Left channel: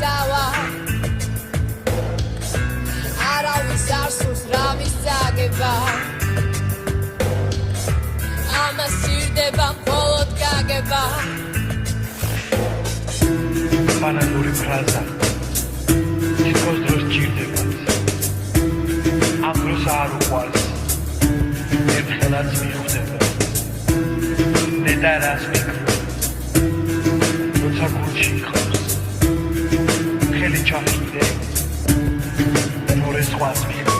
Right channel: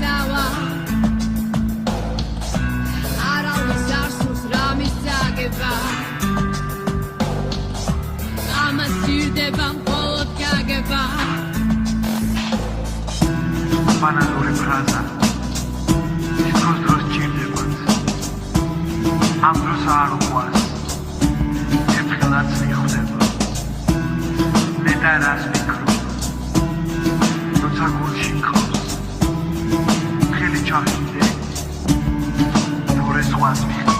წავა არავის არ სურს რამის წაგება ამას სირდება მხოლოდ გაგება ბანალური ფრაზა ის დროს ჭირდებათ ამ დროს არ უყვარს ერთხელაც მიხვდება ნეტა რას მიკრობს როცა გულში ხავს ხელი ჩახიდე თორე სხვას მიხდება